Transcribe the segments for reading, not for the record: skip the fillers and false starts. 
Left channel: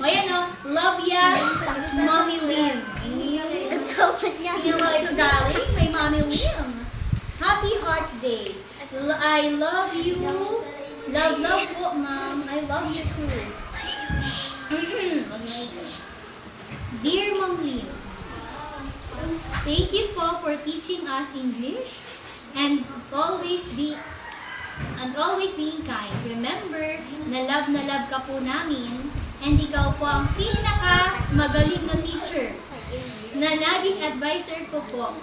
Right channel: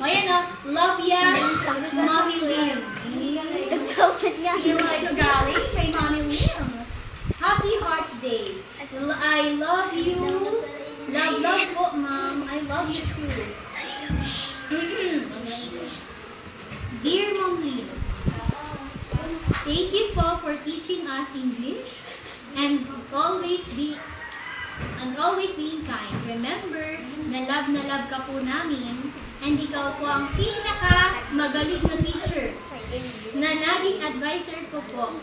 O yan o. Love ya, Mommy Lim. You like galing? May Mommy Lim. Happy Hearts Day. I love you. Love po, Mom. I love you too. Dear Mommy, thank you po for teaching us English and always being kind. Remember, na love ka po namin and ikaw po ang magaling na teacher na naging advisor ko po.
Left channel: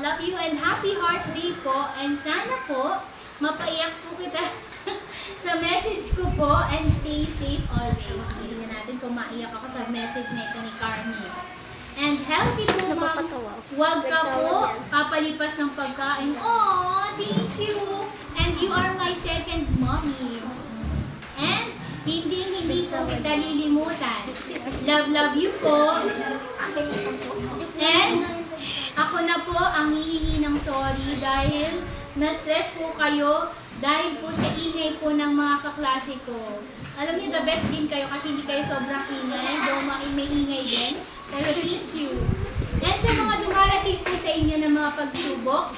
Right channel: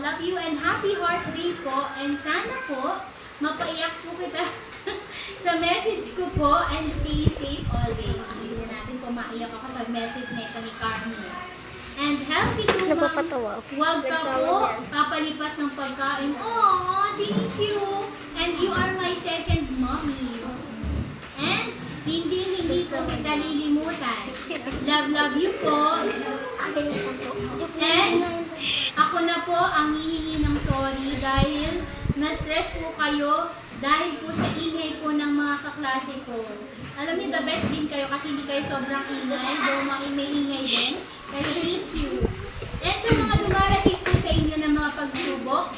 Love you and happy Hearts Day po and sana po mapaiyak po kita sa message ko po and stay safe always. Hindi na natin kung maiyak ako sa message na ito ni Carmi. And healthy po, Ma'am. Huwag ka po papalipas ng pagkain. Oh, thank you. And you are my second mommy. And hindi po kita lilimutan. Love you po. And ako na po ang hihingi ng sorry dahil na-stress po kayo dahil po sa ingay po ng mga kaklase ko. Alam niyo, the best din kayo kasi hindi kayo sobrang ingay. Though may ingay din. Pero thank you. And sa mga dumarating po sa inyo ng mga pagsubok,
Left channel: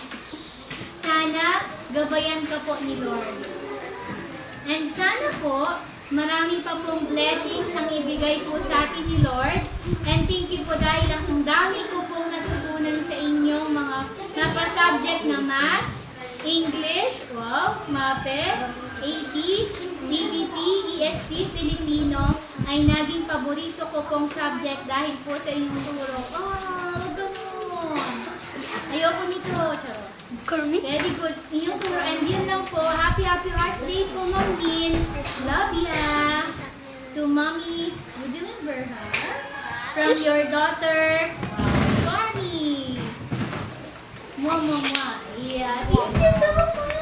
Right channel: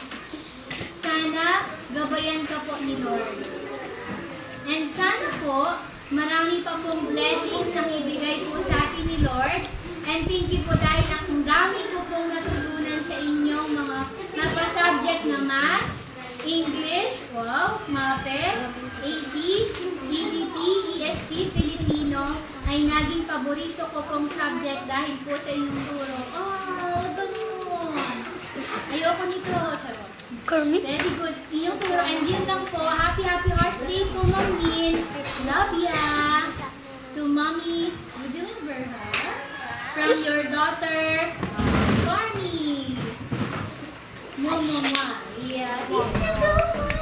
sana gabayan ka po ni Lord. And sana po, marami pa pong blessings ang ibigay po sa atin ni Lord. And thank you po dahil ang dami ko pong natutunan sa inyo mga subject na Math, English, wow, MAPE, AP, EBT, ESP, Filipino ay naging paborito ko pong subject dahil po sa inyong turo. Oh, ganun. Ayoko nito. Charot. Very good. Inyong turo. And yun lang po. Happy Hearts Day po, Ma'am Min. Love ya. To Mommy, you deliver her from your daughter, Carmi. Mwah, mwah, mwah. Yeah, thank you so much.